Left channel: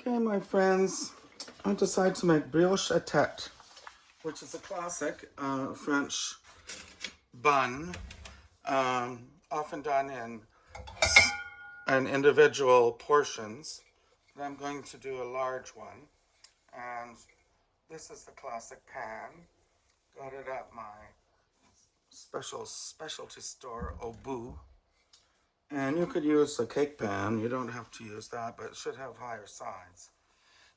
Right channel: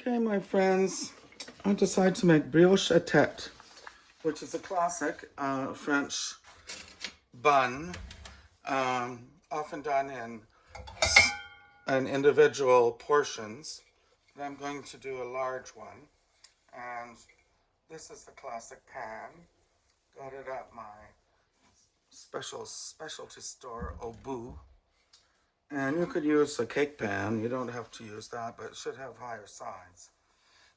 Okay, my friends, I decided to make brioche à tête, which is a classic French bun, often done in individual portions. But I'm going to do a large one, and this is the classic pan. Got it at my specialty store, Au Bout. And you could use a cake pan. You don't have to use that, but it should have higher sides.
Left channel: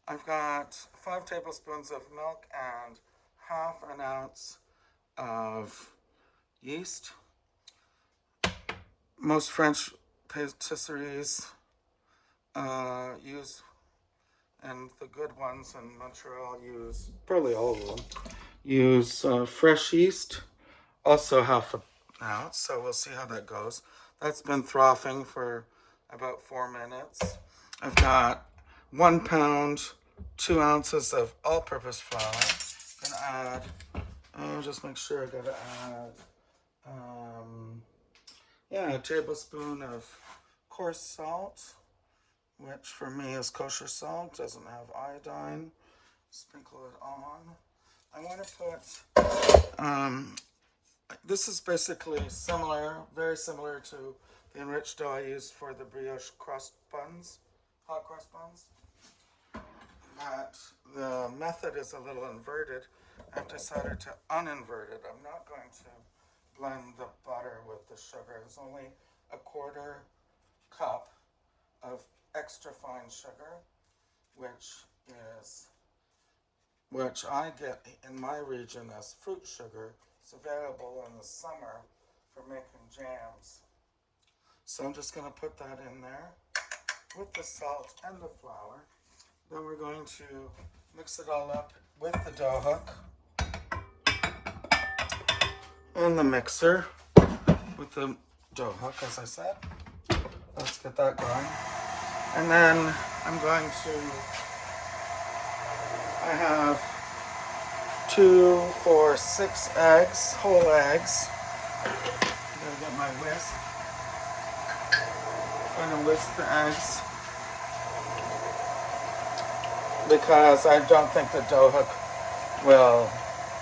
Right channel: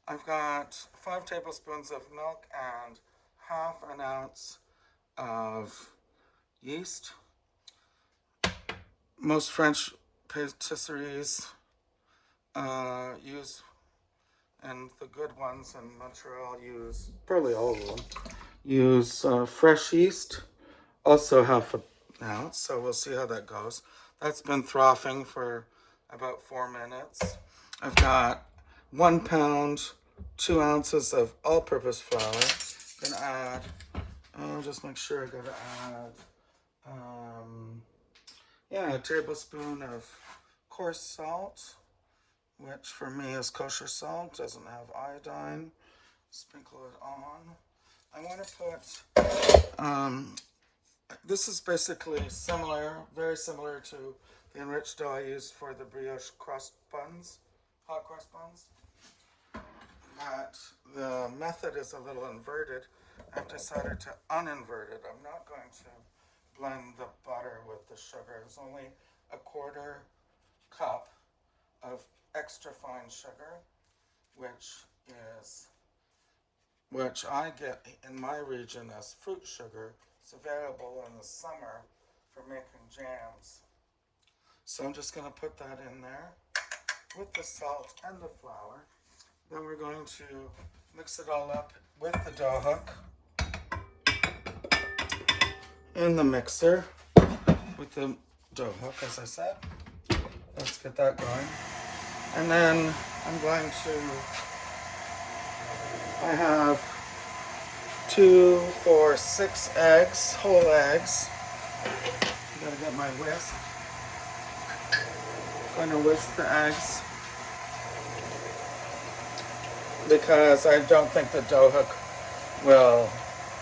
I've got 5 tablespoons of milk and half an ounce of yeast. Most French patisseries use, and the good ones in Montreal use, probably all of them, use fresh yeast. Also half an ounce, so we'll see how that goes. That's been frothing for about 4 minutes. I've got 1 pound, 2 ounces of all-purpose flour. I'm gonna add, just make sure I gotta add, a tablespoon of coarse salt, which for me is kosher salt, doesn't have iodine. Sprinkle it on. I want to put, this is basically similar, very similar to the enriched dough I use for the brioche crust buns, hot crust buns. But the method is a little inverted. I've decided to uninvert it. I'm not going to blend the butter with the sugar. There's only a 1/4 cup of extra fine sugar, which I get in my region as fruit sugar. It's available in the summer for making jams. So I'm just going to put that in there with the salt and the flour. Then we're going to mix it all up with the dough hook in the mixer with the dough hook, as I said. Let's get that going. And then I'm going to, I have 2, 4, 6 eggs, whole eggs. I'm going to get my whisk. I'm going to whisk the eggs, because I don't think the dough hook will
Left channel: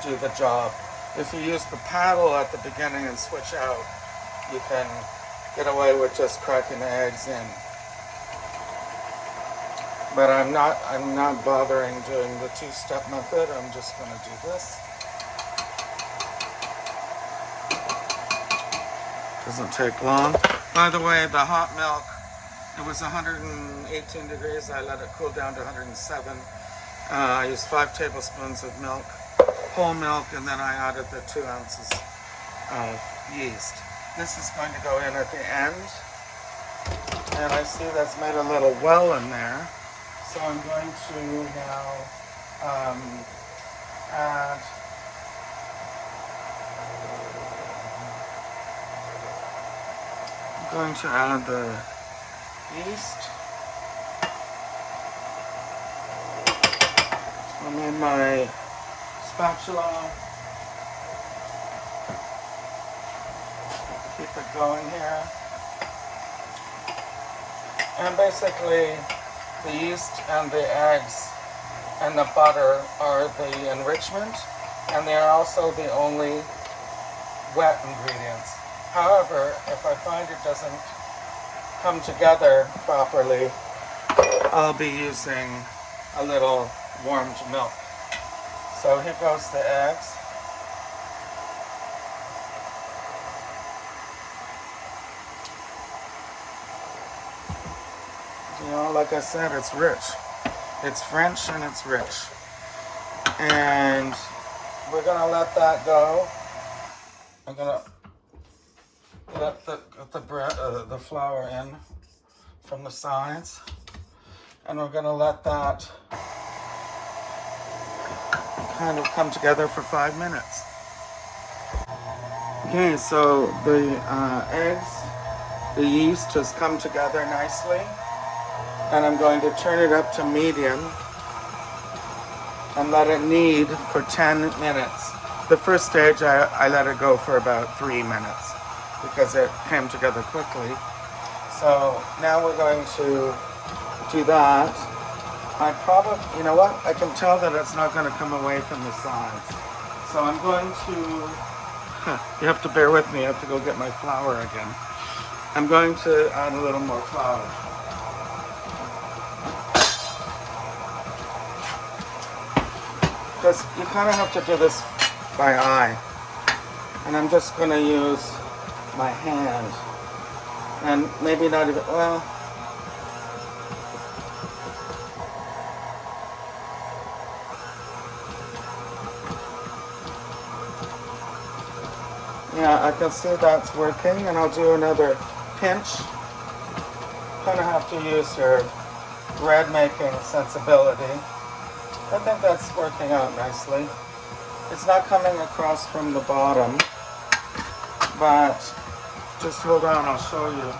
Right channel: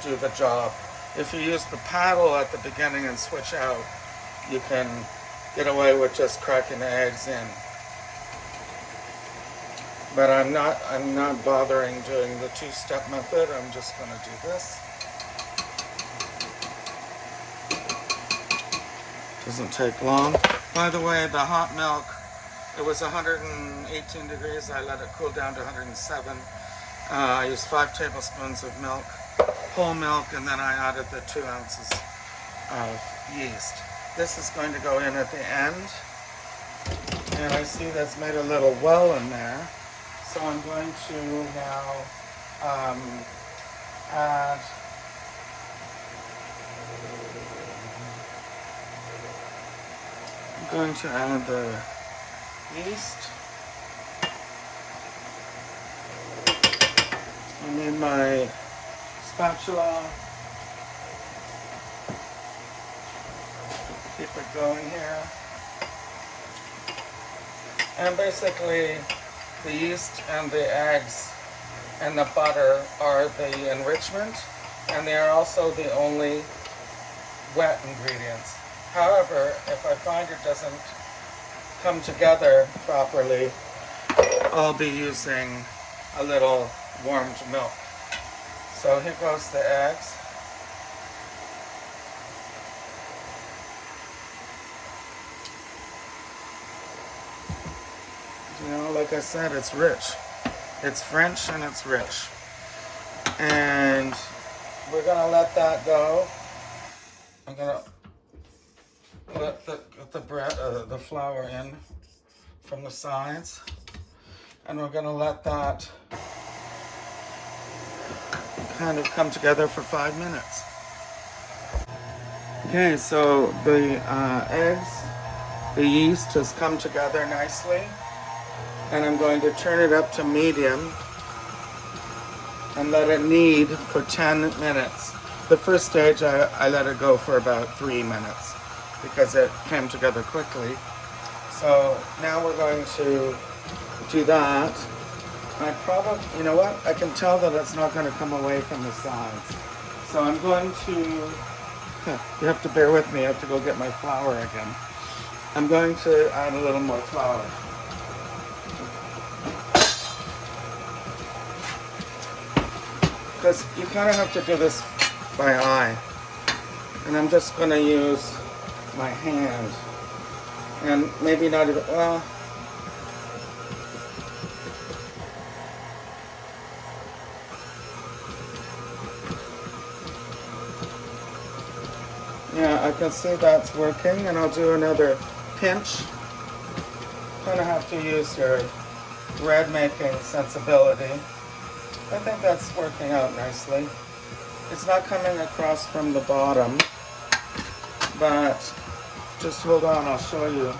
do the job. If you use the paddle at the beginning and switch out, you can get away with just cracking the eggs in. But I'm not bothering doing the 2-step method. I'm just going to do this. Doesn't take long. By the way, the hot milk, it was 118 degrees. I let it cool down to 107. I used 5 tablespoons of milk, whole milk, and then I added the 2 ounces of yeast. This is going to go in at the end. And I see that's made a little well in there. So I'm going to now add the yeast. I'm in my spatula. Keep it going here. And basically, the yeast and the eggs and the butter are the enrichment, and they are also the only wet ingredients. However, if I find it doesn't come together properly, I'll be using a little warmed milk. So here goes the eggs. You know, like I said, it's rich. It's French and it's rich. And we're gonna let that go. I'm gonna let the flour in from the sides, and we're gonna let that kind of come together for 5 minutes. Okay, so the eggs, the yeast has come together nicely. And I'm going to turn it up to medium and let it knead for 10 minutes. The first stage, I let it go for about 3 minutes because it came together quickly. So now we're going to do that. I probably, you know what? I can tell that it's not going to come away from the sides. So I'm going to, you have to bear with me, I have to go get my flour again. I'm going to add a little more flour. Because you kind of have to do this by eye. And I'm just going to use my hand. And maybe not even, well, yeah, I can see that's working, and I'll do another pinch. Kind of have to use your bread making sensibility. I think that's working out nicely. It's not coming across from the bottom, but just hold on, I'll show you.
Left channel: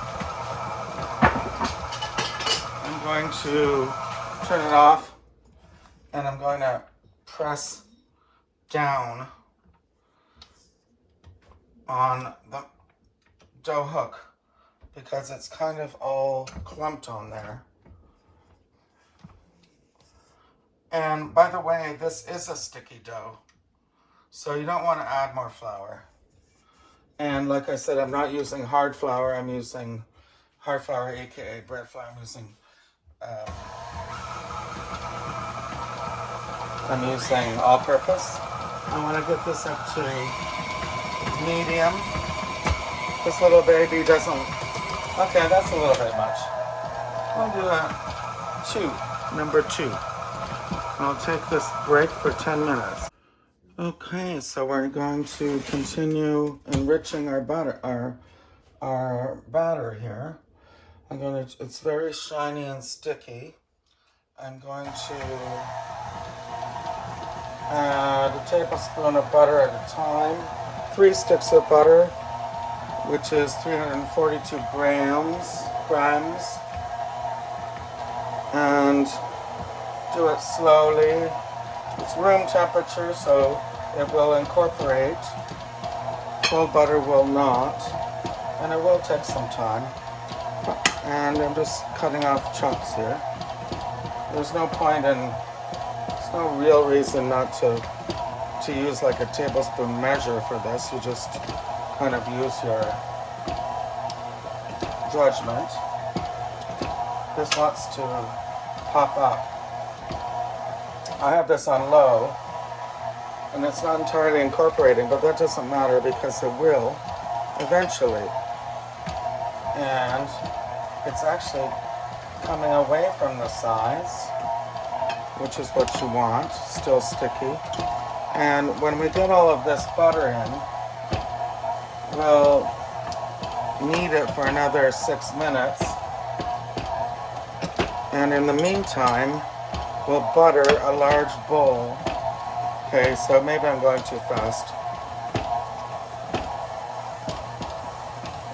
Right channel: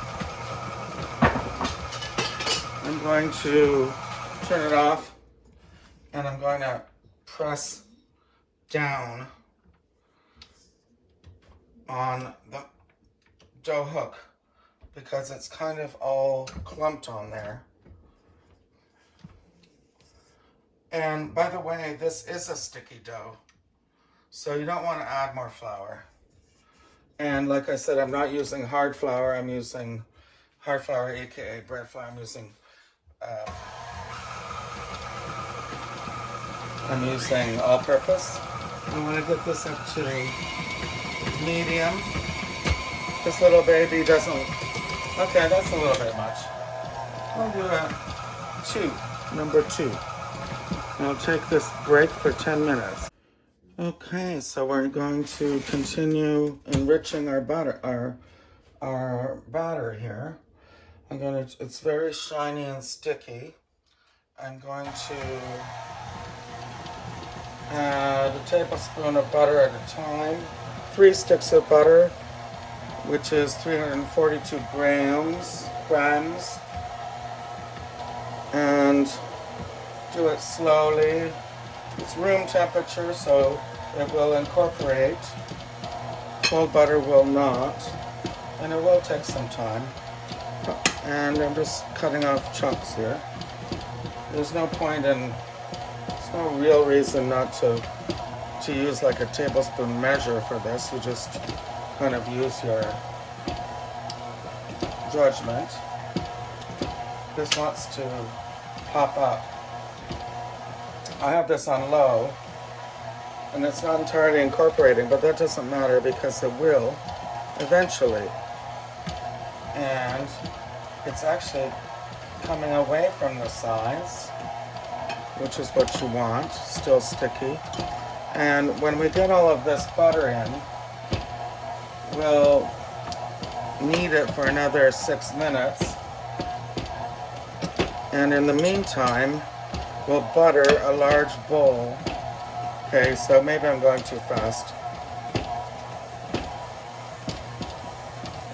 I'm going to turn it off, and I'm going to press down on the dough hook because it's kind of all clumped on there. And by the way, this is a sticky dough, so you don't want to add more flour. And like I said, I'm not using hard flour, I'm using hard flour, aka bread flour. I'm using all-purpose. I want to get this up to medium. This little baby doesn't, okay, that's a little bit much. I'll do a number 2. I'll take this break for 10 minutes. Okay, so we're going to continue enriching our butter, our batter here. It's very shiny and sticky. I'm going to add a tablespoon of butter at a time. 3 sticks of butter, which is 342 grams. And do it slowly. It's room temperature, so it will incorporate. Cold butter will not, and it will take some time. And I'm just cutting off chunks here. There's no point in, there's no real reason not to use like a tablespoon measure for this. You just kind of use your judgment. This wants to pop up. I have this on low, and it's not entirely incorporating, but that doesn't matter because it will eventually. And it's actually coming away from the sides, which is what you want, still sticky. And when we get all of this butter in, we'll knead it for another 6 minutes. And in the meantime, we'll butter a large bowl. Okay, so maybe I'm going too fast.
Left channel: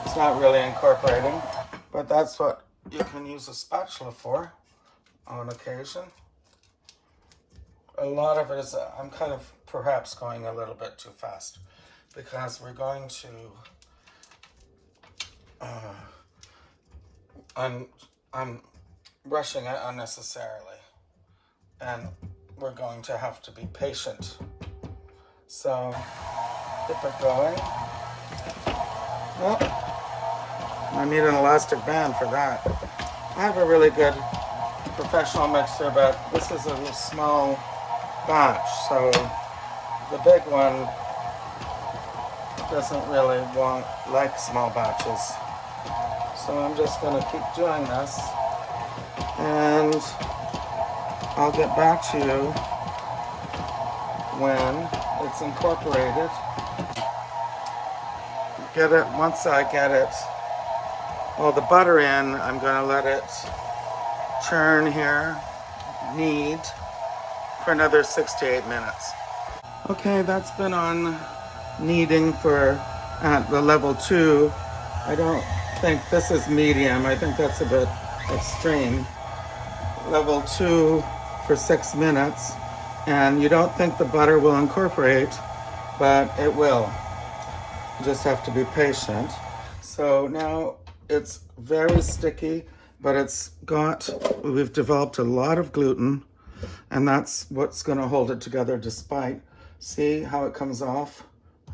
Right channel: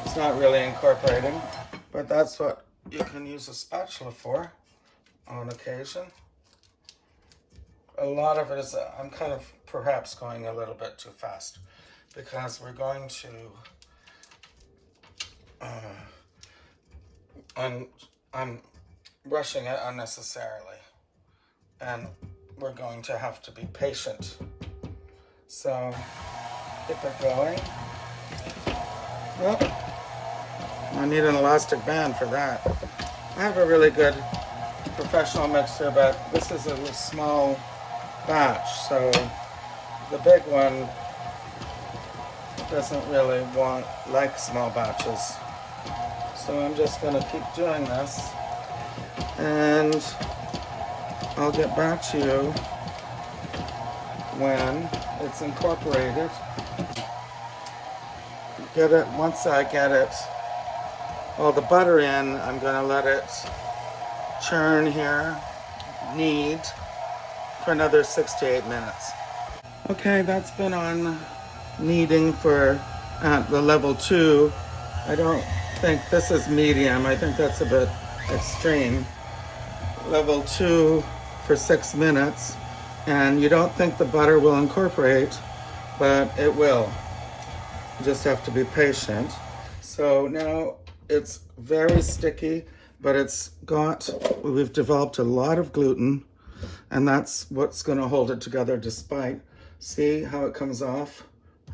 It's not really incorporating, but that's what you can use a spatula for on occasion. A lot of it is, I'm kind of perhaps going a little bit too fast because we're going to, I'm rushing it unnecessarily, and we're going to have to be patient. So keep it going. Oh, I need an elastic band for that. I have a really good professional mixer, but this is a small batch, so the big one doesn't really like small batches. So I'm just going to keep doing this, and I'll get back to you when it's incorporated. Once I get it, well, the butter in, I'm going to let it churn here, knead, for another 6 to 8 minutes. Okay, that's been on kneading for at the level 2. I don't think this is medium. I think that's a bit extreme. Level 2 for 6 minutes. And you don't think the butter will incorporate, but it will. You just have to be patient. So now it's very sticky. but we've developed a lot of gluten, and that's what's going to hold it together despite. See how it comes off,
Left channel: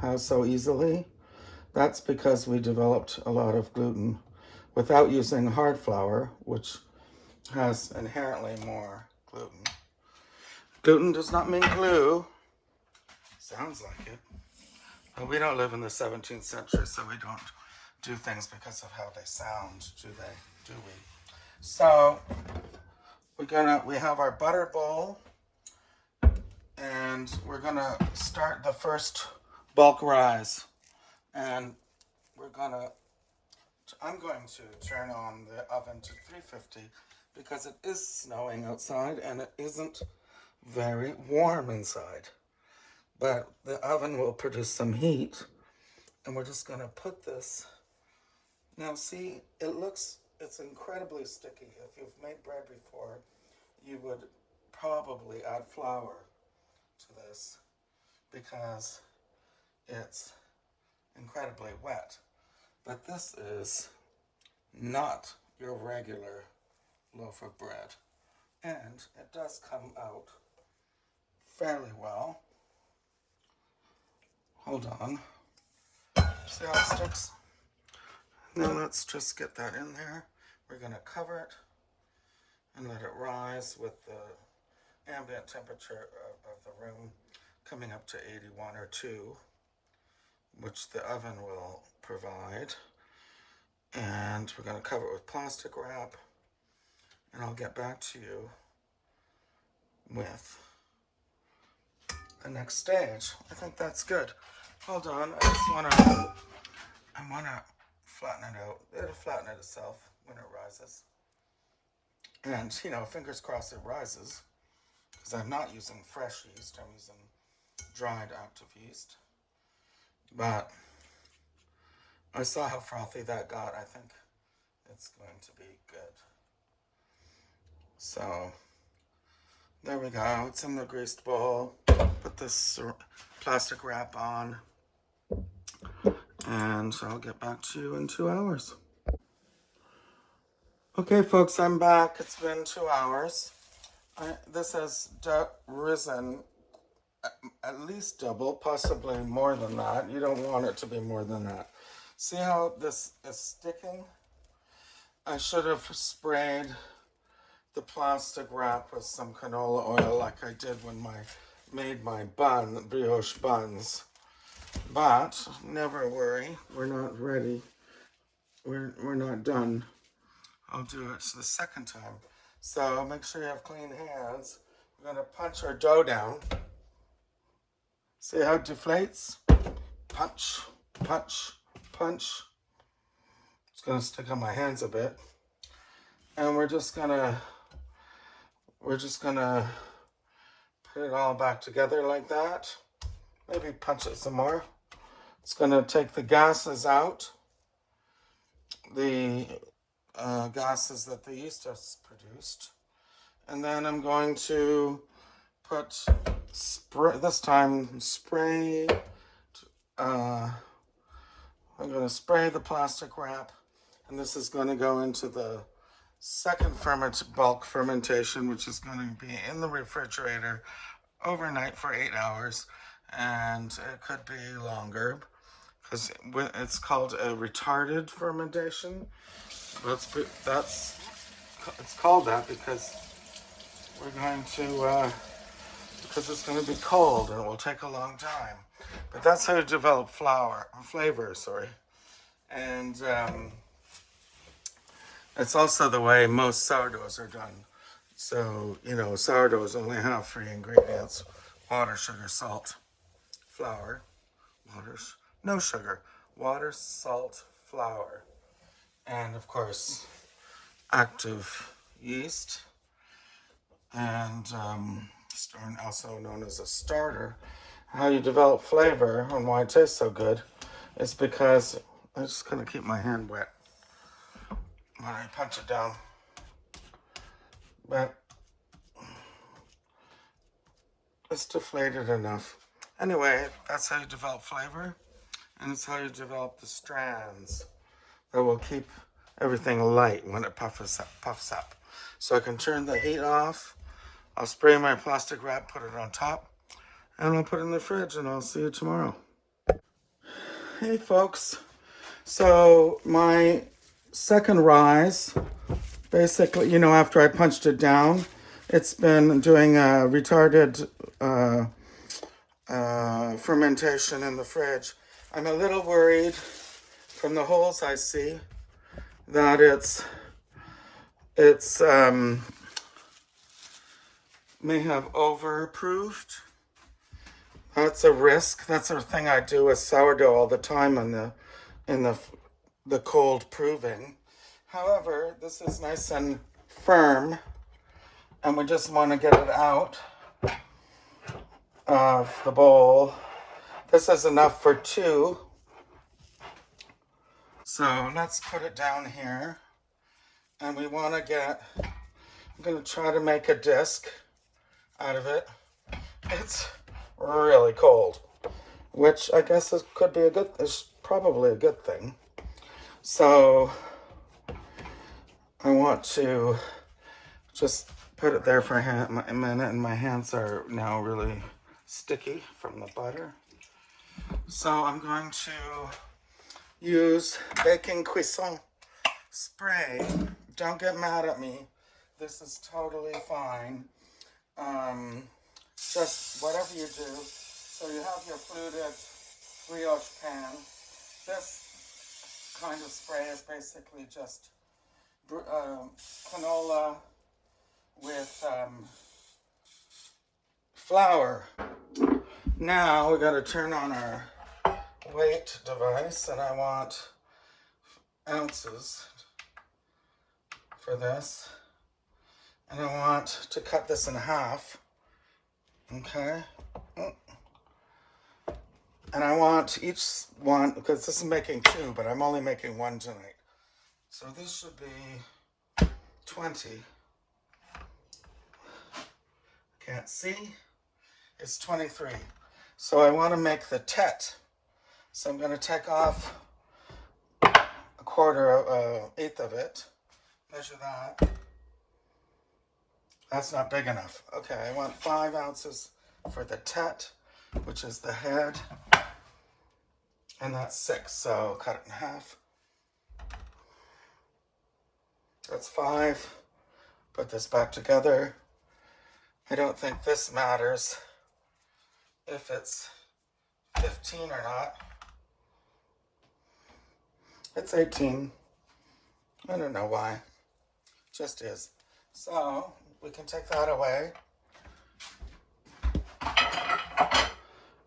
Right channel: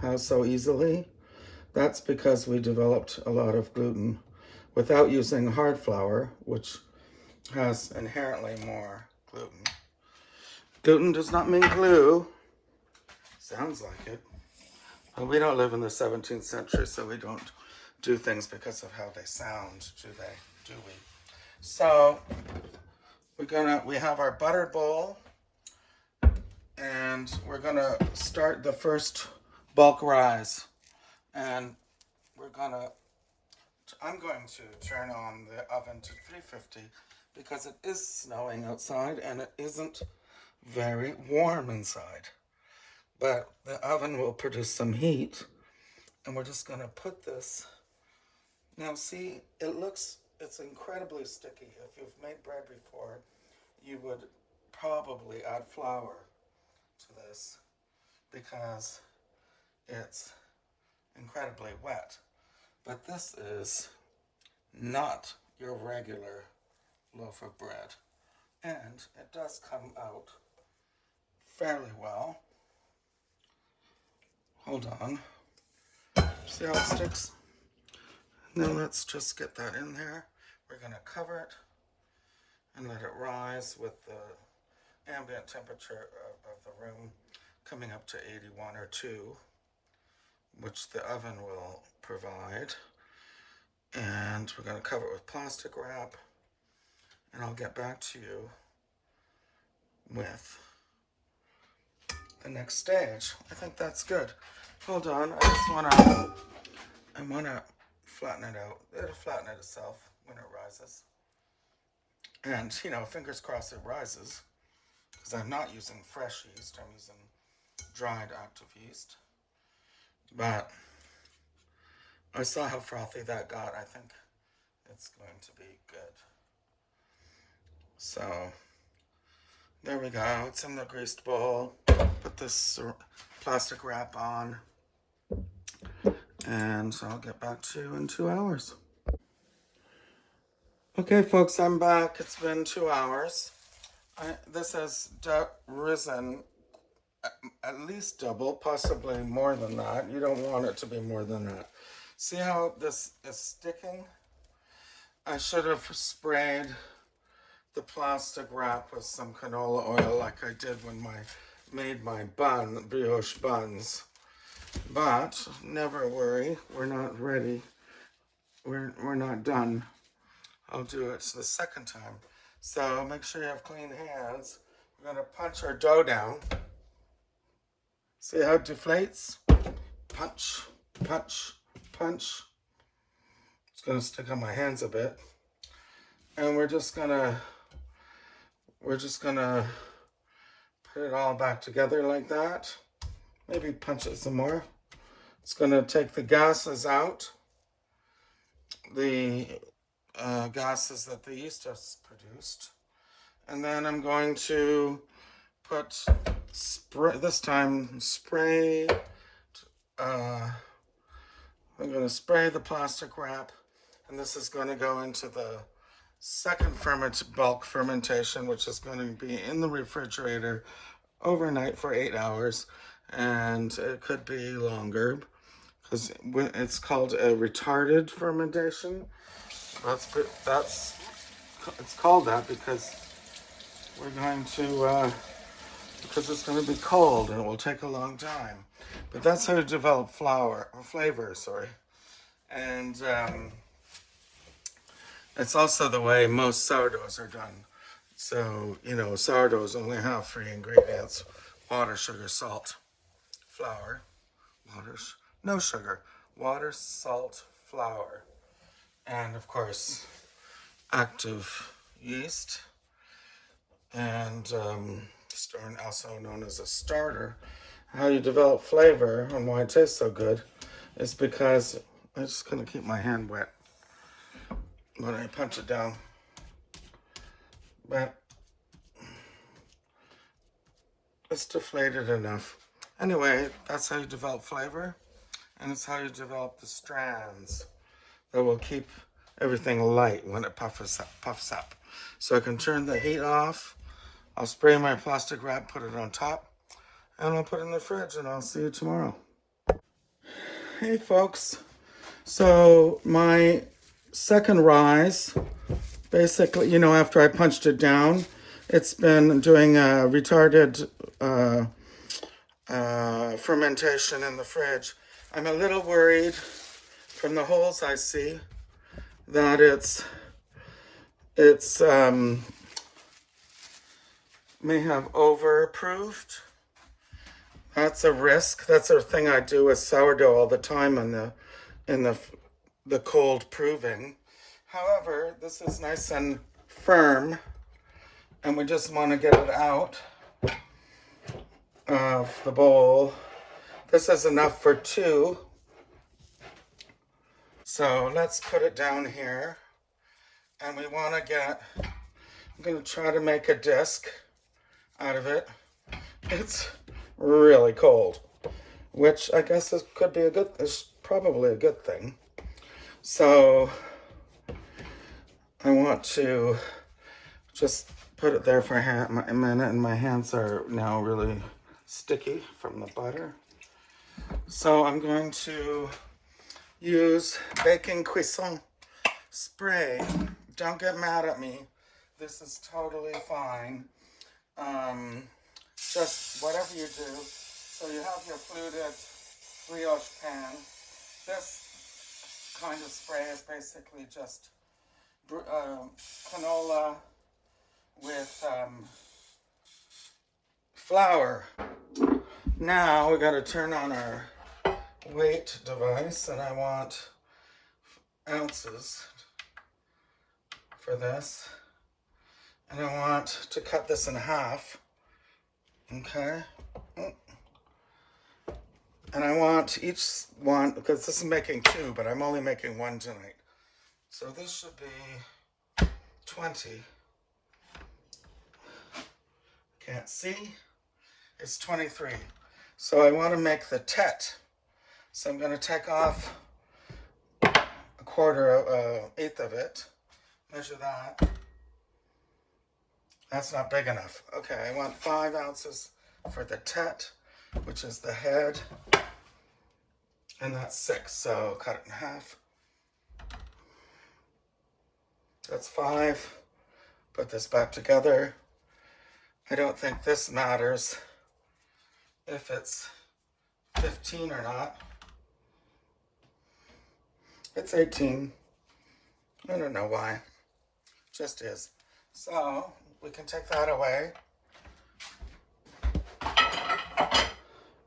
how so easily? That's because we developed a lot of gluten without using hard flour, which has inherently more gluten. Gluten does not mean glue. Sounds like it. But we don't live in the 17th century, so we don't do things because of how they sound, do we? So we have our butter bowl, and we're gonna start the first bulk rise. And I'm going to turn on the oven to 350 because it is snowing outside and it isn't very warm inside. But the oven will produce some heat, and we're just gonna put this. Now see, it's incredibly sticky. If you've made bread before, you would probably add flour to this because it's incredibly wet. But this is not your regular loaf of bread. And it does come out fairly well. Hold on. See how it sticks? Now let's just get that in there. We're going to cover it and let it rise with the ambient temperature of the room coming up to 81 or 2, which the oven will provide. And we're going to cover it with plastic wrap, and I'll get back to you with the next stage. I think that's good. Hold on, I want to flatten it out. It'll flatten it itself when it rises. And, fingers crossed it rises, because I'm not using fresh yeast, I'm using dried active yeast. But I saw how frothy that got. I think it's going to be good. So, there we go. It's in the greased bowl. Put this plastic wrap on, and I'll get back to you in 2 hours. Okay, folks, I'm back. It's been 2 hours. This has risen at least double, possibly more than that. You don't want it to be more than that. See how this is sticking? I should have sprayed the plastic wrap with some canola oil like I did when I made my brioche buns. But never worry, we're not ready. We're not done. I'll do it the second time. So make sure you have clean hands. We're gonna punch our dough down. See how it deflates? Punch, punch, punch. It's gonna stick on my hands a bit. And we're just gonna put it all back together like that. Maybe punch it some more. It's gonna take the gases out. The gases that the yeast has produced. And then I'm going to put this time spray. I'm going to spray the plastic wrap, and this is going to go into the second bulk fermentation, which is going to be in the refrigerator overnight for 8 hours, and it could be longer because it's called a retarded fermentation. It's called that because it's going to be cold and it will take a long time. But that's how you develop flavor. And it's also the way most sourdoughs are done. So, sourdoughs only have 3 ingredients: water, sugar, salt, flour. No sugar. Water, salt, flour. And, of course, active yeast. And also known as a starter. How you develop flavor and why it tastes so good is because I'm just going to keep my hand wet when I punch it down. But it's deflated enough. Anyway, that's how you develop flavor, and it's how you develop the strands that will keep everything light when it puffs up. So I can turn the heat off. I'll spray my plastic wrap, put it on top, and I'll put it in the fridge, and I'll see you tomorrow. Hey folks. So my second rise, basically, you know, after I punched it down, it's been doing a retarded fermentation in the fridge. I'm a little worried from the holes I see that it's may have over-proofed. That's a risk. That's a thing I do with sourdough all the time in the cold proving. However, this is nice and firm, and we just want to get it out of the bowl. This is enough for 2. So let's put it down here. And we want to get, I'm going to try to make a disc out of it. It's really cold, which I guess is probably a good thing. So I want to just put it there for a minute, and my hands are now really sticky from the butter. So I'm going to use baking cuisson spray. Don't get mad at me. This is totally fine. Just whatever you do. So you have your fluted brioche pan. This kind of spray is basically just canola with flour. Now we got to turn on our weight device, and I want ounces for this, and I want to cut this in half. Okay, and I want each one, because this is making 2, but I'm only making 1 tonight, so this should be 20. Can't see. It's 23. So I want to make the tête. So I'm going to take off a eighth of it. Measure that. That's not big enough. Okay, I want 5 ounces for the tête, which is the head. And that's 6, so cut it in half. That's 5. Put this back together. I don't think this matters if it's 15 or not. It's 18. I don't know why. Just is. So we can take that away.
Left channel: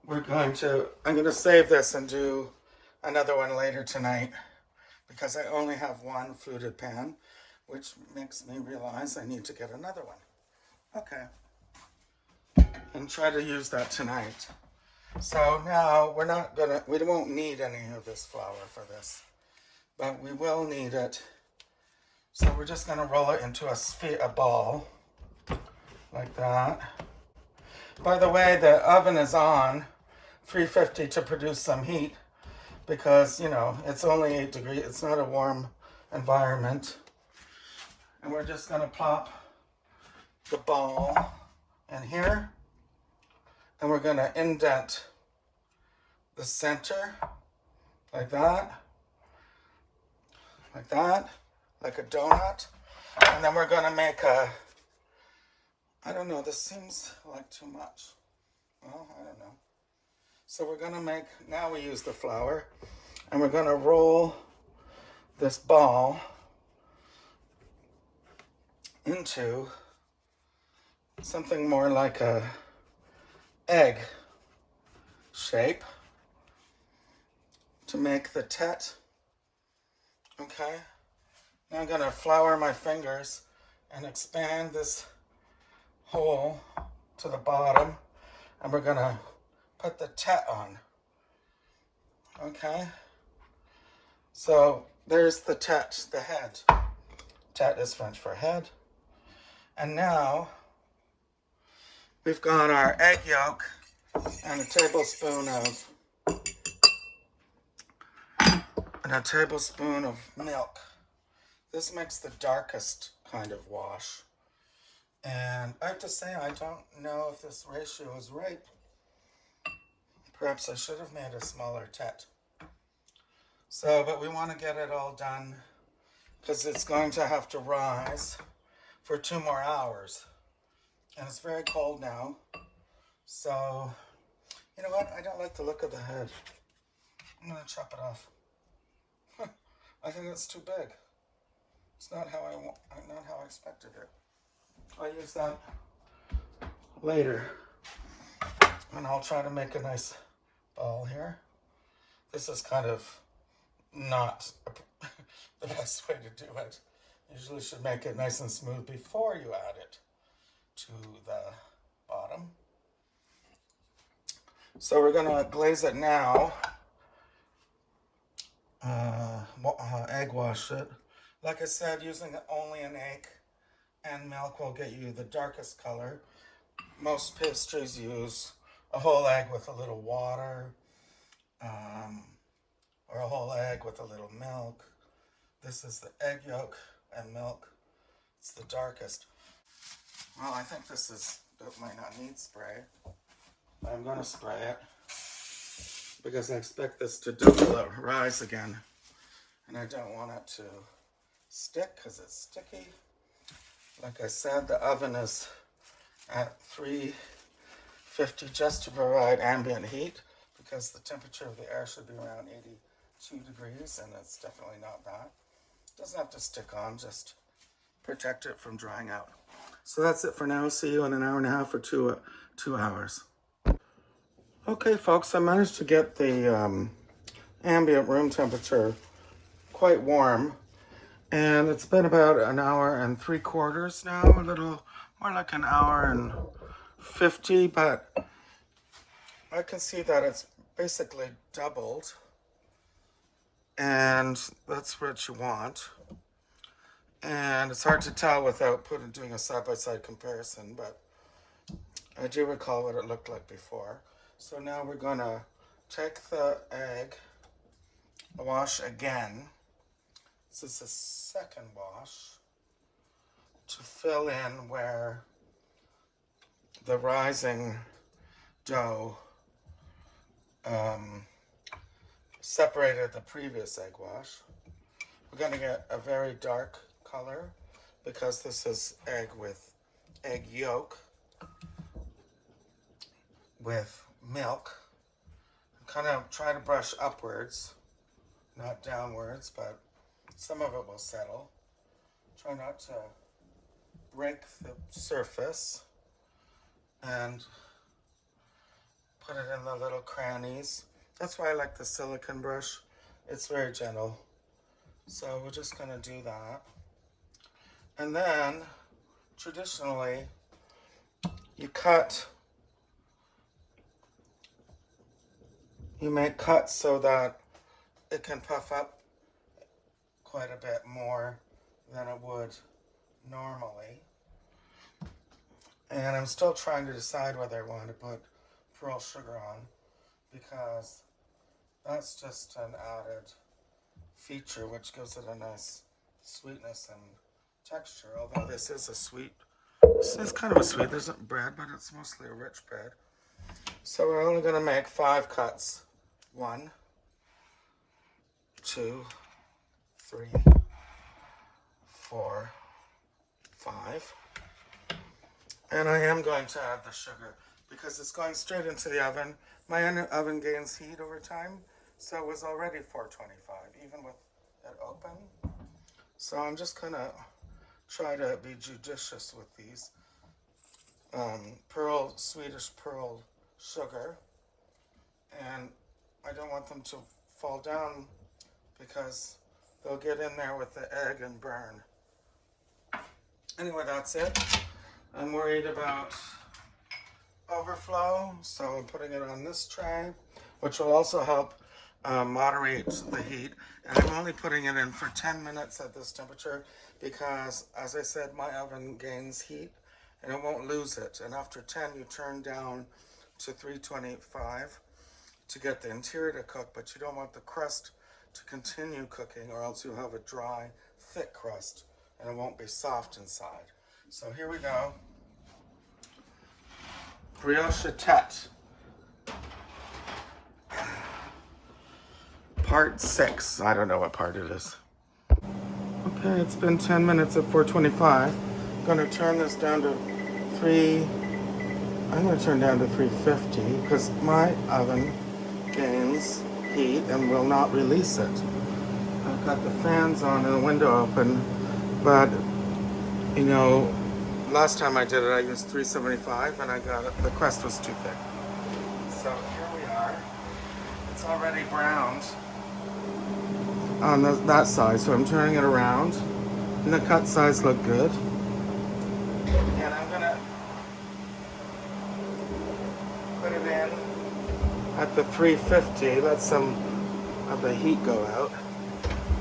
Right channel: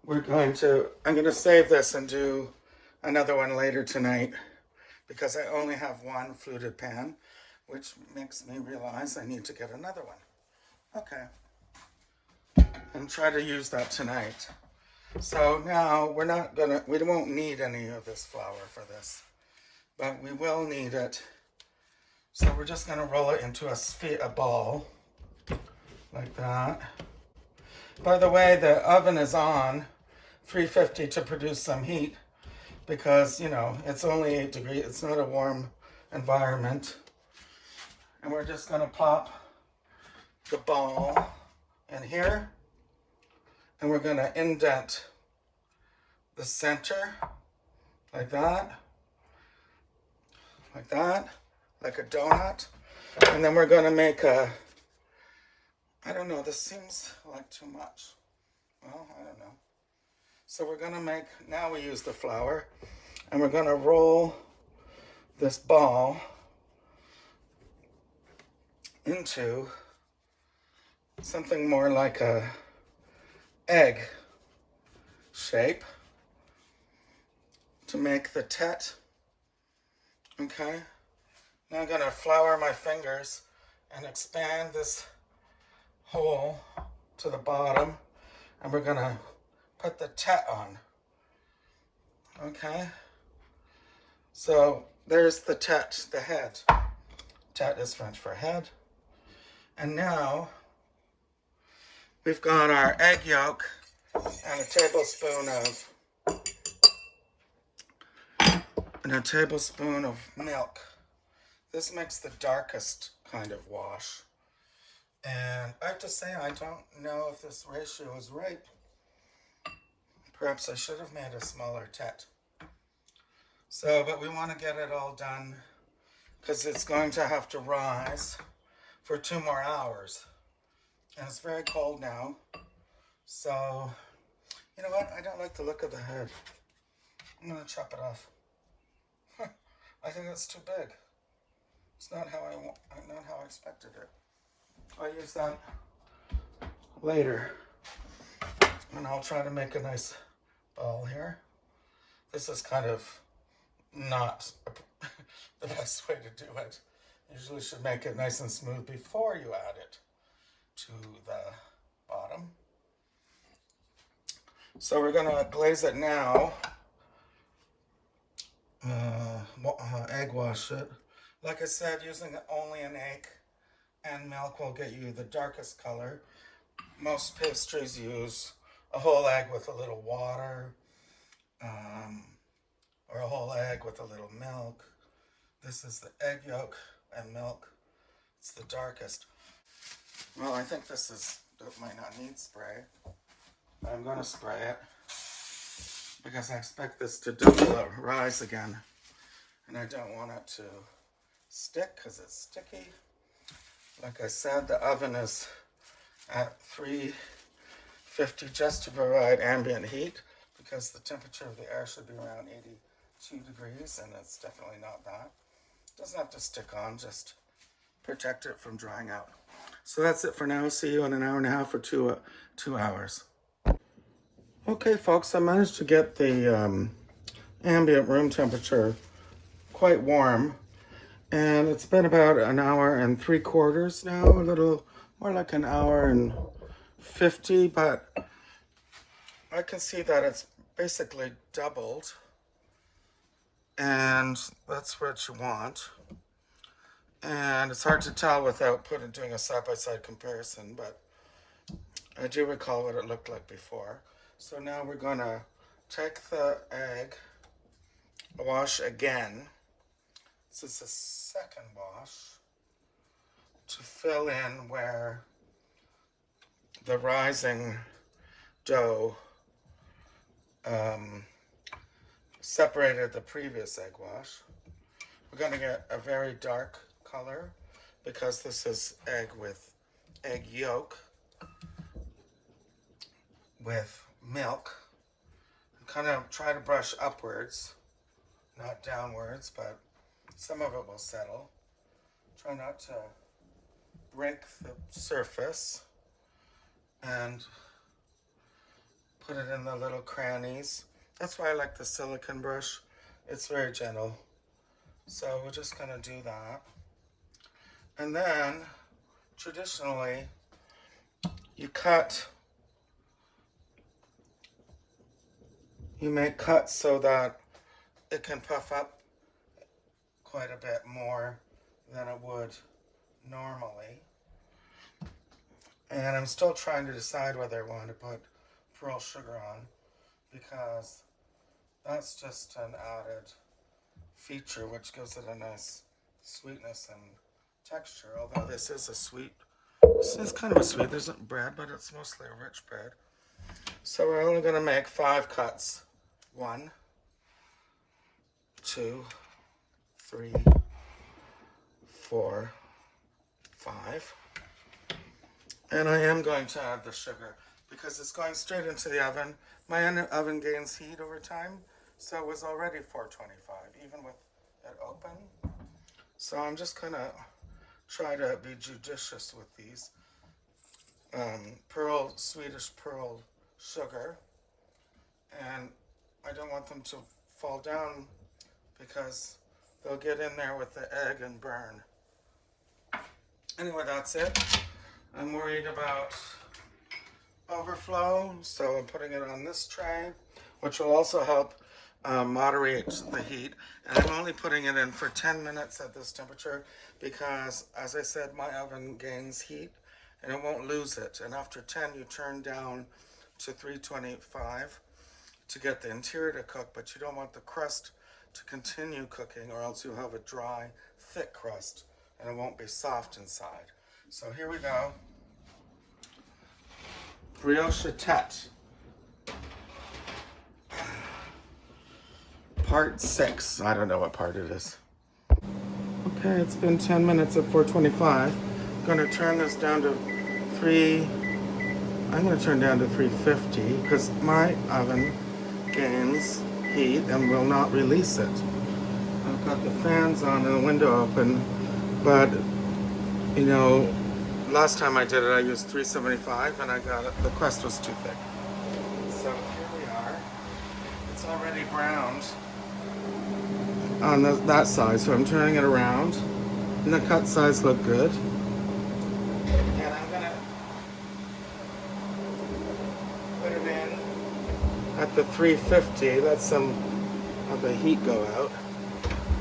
I'm going to save this and do another one later tonight, because I only have 1 fluted pan, which makes me realize I need to get another one. Okay. And try to use that tonight. So now we won't need any of this flour for this, but we will need it. So we're just gonna roll it into a ball, like that. By the way, the oven is on 350 to produce some heat, because, you know, it's only 8 degrees. It's not a warm environment. And we're just gonna pop the ball in here. And we're going to indent the center like that, like a donut. And then we're going to make I don't know, this seems like too much. Well, I don't know. So we're going to now we use the flour, and we're going to roll this ball into something more like a egg shape to make the tête. Okay, now I'm going to flour my fingers and expand this hole to the bottom, and we're going to put the tête on. Okay, so there's the tête, the head. Tête is French for head. And now we've got our egg yolk and a tablespoon of milk. This makes the darkest kind of wash. And I have to say, I don't know if this ratio is right. Perhaps I should have made a smaller Tête. So, but we want to get it all done because it's going to have to rise for 2 more hours. And it's very cold now. So, you know what? I don't like the look of the head. I'm going to chop it off. I think it's too big. It's not how I expected it. I'll use that later. And I'll try to make a nice ball here. This is kind of not the best way to do it. You usually should make it nice and smooth before you add it to the bottom. So we're going to glaze it now. Egg wash it. Like I said, using only an egg and milk will get you the darkest color. Most pastries use a whole egg with a little water, or a whole egg with a little milk. This is the egg yolk and milk. It's the darkest. Well, I think it might not need spray. I'm going to spray it because I expect this to rise again. And I don't want it to stick because it's sticky. Like I said, the oven is at 350 just to provide ambient heat because the temperature of the air should be around 82 degrees, and it's definitely not that. It doesn't have to stick on, just protect it from drying out. So that's it for now. See you in an hour and a half or 2 hours. Okay, folks, I managed to get the ambient room temperature quite warm, and it's been about an hour and 3/4 now, a little more like an hour and 50, but I can see that it's basically doubled, and that's what you want. And it's hard to tell without doing a side-by-side comparison, but I do recall what it looked like before. So now we're gonna take the egg, wash again. This is the second wash to fill in where the rising dough separated the previous egg wash. We're going to get a very dark color because this is egg yolk with milk. Kind of try to brush upwards, not downwards, but some of it will settle. Try not to break the surface and put it in the little crannies. That's why I like the silicone brush. It's very gentle. So we're just going to do that. And then, traditionally, you make cuts so that it can puff up quite a bit more than it would normally. And I'm still trying to decide whether I want to put pearl sugar on, because that's just an added feature which gives it a nice sweetness and texture. Although this is kind of a sweet, there's bread, but it's mostly a rich bread. So we're only going to make 5 cuts. 1, 2, 3, 4, 5. And I am going to add the sugar because it's going straight into the oven. My oven gains heat over time, so it was already 425, even with it open. So I'm just going to try to be judicious with these. Swedish pearl sugar. And I don't want them to fall down because they'll get in there with the egg and burn. Anyway, that's it. I'm worried about overflow, so I'm putting it on this tray, which will also help moderate the heat. And I'm only putting it in for 10 minutes at this temperature because, as I said, my oven gains heat and it won't lose it. And after 10, you turn down to 325 to get the interior to cook, but you don't want the crust to continue cooking or else you'll have a dry, thick crust and it won't be soft inside. So here we go. Brioche Tête. Part 6. I don't know what part it is. Okay, it's been 10 minutes at 425. I'm going to turn this down to 350 because my oven gains heat and will not release it. I've got the fans on and the window open, but you know, last time I did it I used 375 and I got it, the crust was too thick. So here we are. It's already browned on that side, so I'm turning it around, and the cut size look good. And I'm gonna put it in at the 350, let some of the heat go out.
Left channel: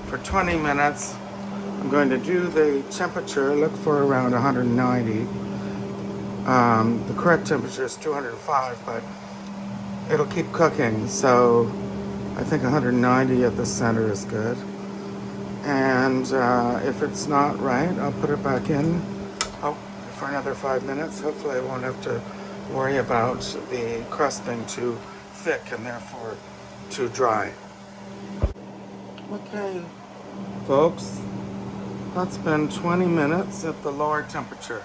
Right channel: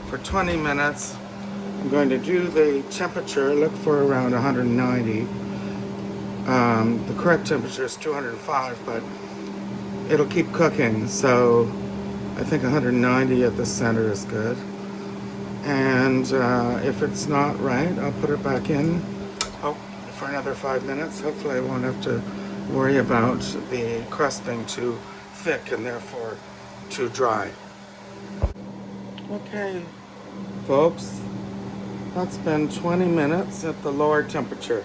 For 20 minutes, I'm going to do the temperature, look for around 190. The correct temperature is 205, but it'll keep cooking, so I think 190 at the center is good. And if it's not right, I'll put it back in for another 5 minutes. Hopefully I won't have to worry about the crust being too thick and therefore too dry. Okay, folks, that's been 20 minutes at the lower temperature.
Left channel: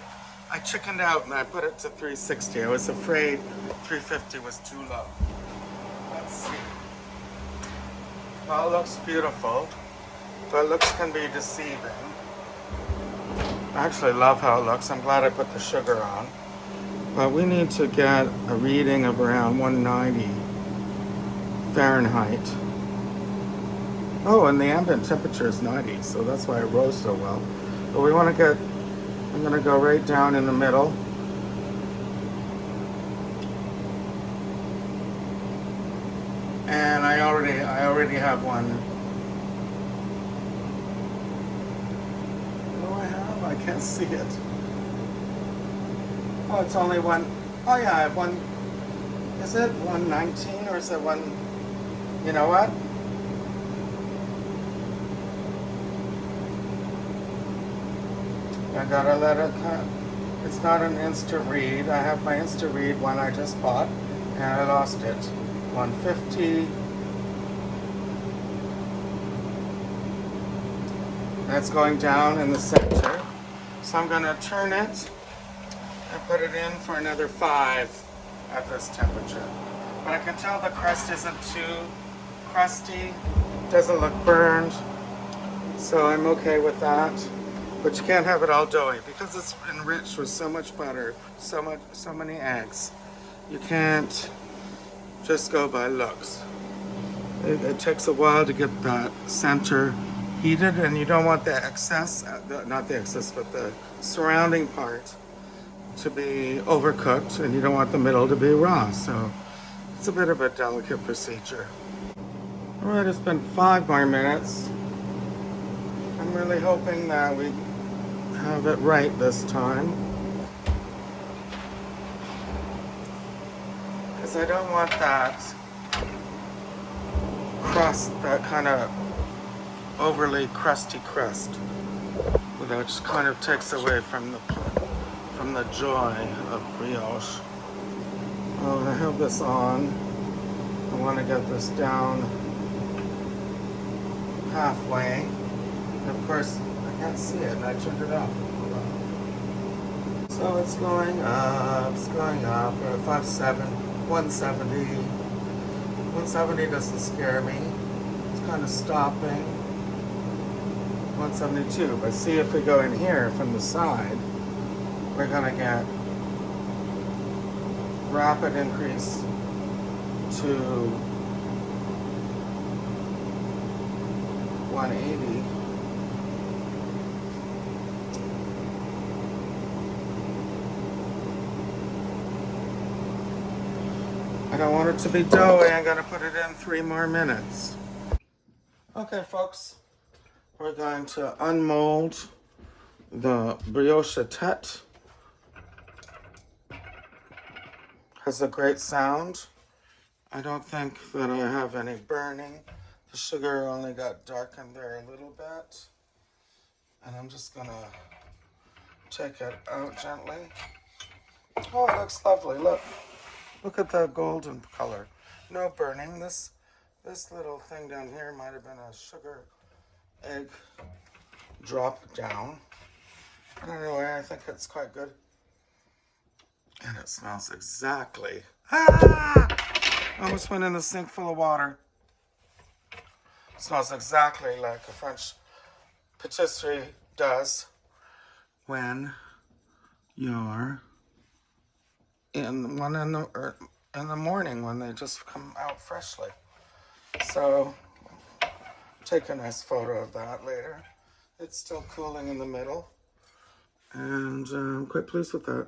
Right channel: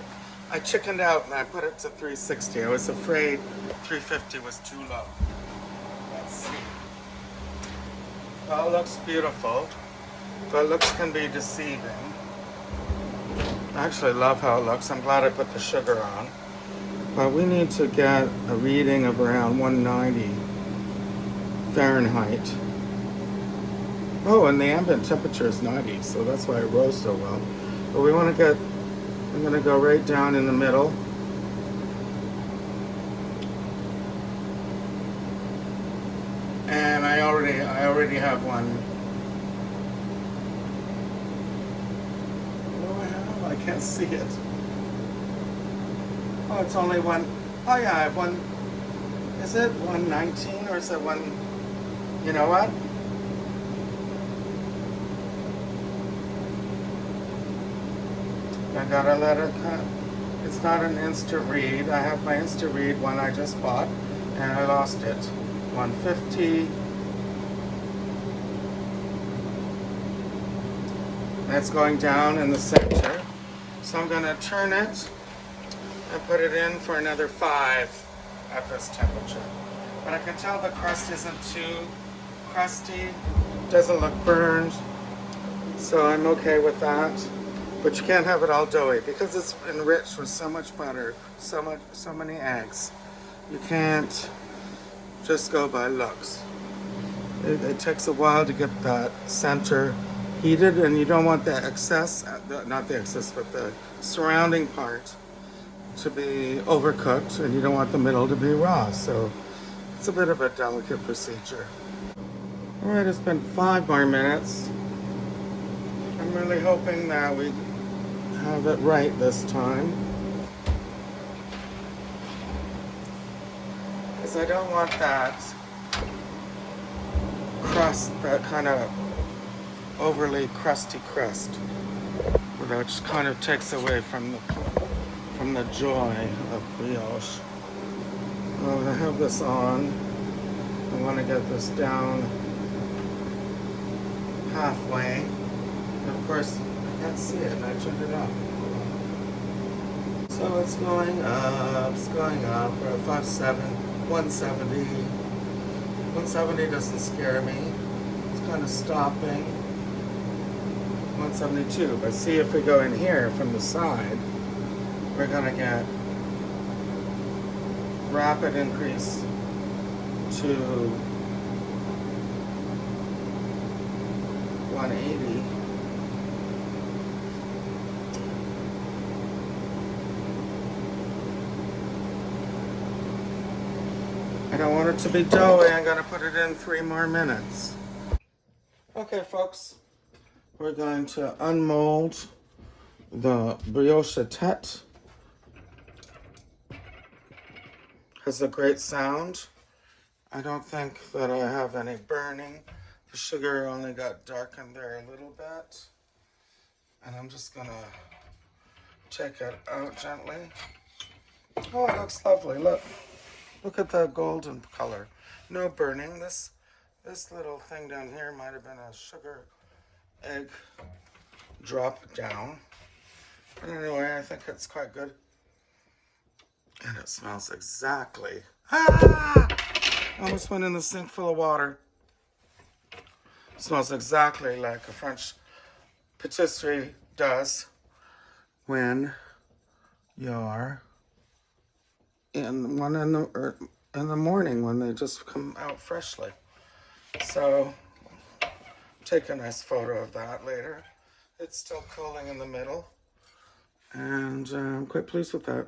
I chickened out and I put it to 360. I was afraid 350 was too low. Let's see. Well, it looks beautiful, but looks can be deceiving. I actually love how it looks. I'm glad I put the sugar on. But we need to get a reading of around 190 Fahrenheit. Oh, and the ambient temperature is 90, so that's why it rose so well. But we want to get, I'm going to go right down in the middle. And I already have one. Oh, I can't see it. Oh, it's only one. Oh yeah, I have one. Is it 119 or is it one? You know what? I gotta let it cut. It's not an instant read. I have my instant read one I just bought and I lost it. 150. That's going down in the center. So I'm gonna turn it and put it in for another 5 at this temperature. But I can tell the crust isn't too crusty, doesn't look burned, so I'm okay with that. But you can't have it all doughy because it's enriched with so much butter, so many eggs. You can't just go by looks. It takes a while to get that center heated, and you don't want the excess, not the excess, but the surrounding part to be overcooked, and you don't want the middle to be raw. So it's a bit of a delicate procedure. All right, it's been 5 more minutes. I'm really hoping that we have it right this time, because I don't want that crust, that kind of overly crusty crust. It just kind of takes away from the joy of brioche. Oh, I have this on. I want to get this down halfway. And of course, I can't see it, and I turned it off. So it's going up, We're at 170. 170 doesn't scare me. It's kind of stopping. 172, but see, if we go in here from the side, we're gonna get rapid increase to 180. I don't want it to be doughy. I'm gonna put it in 3 more minutes. Okay, folks, we're going to unmold the brioche tête. Has a great sound. I don't think that I have any burning. The sugar only got darkened there a little bit. And I'm just gonna take it out gently. Oh, it looks lovely. Look at the golden color. No burning. This little thing down here might have been a sugar egg drop down. But anyway, I think it's quite good. And it smells exactly. Ah! Almost went in the sink full of water. It smells exactly like a French patisserie does when you're in the morning when they just come out freshly. So take a nice photo of that later. It's still cooling in the middle, and I'm quite pleased with that.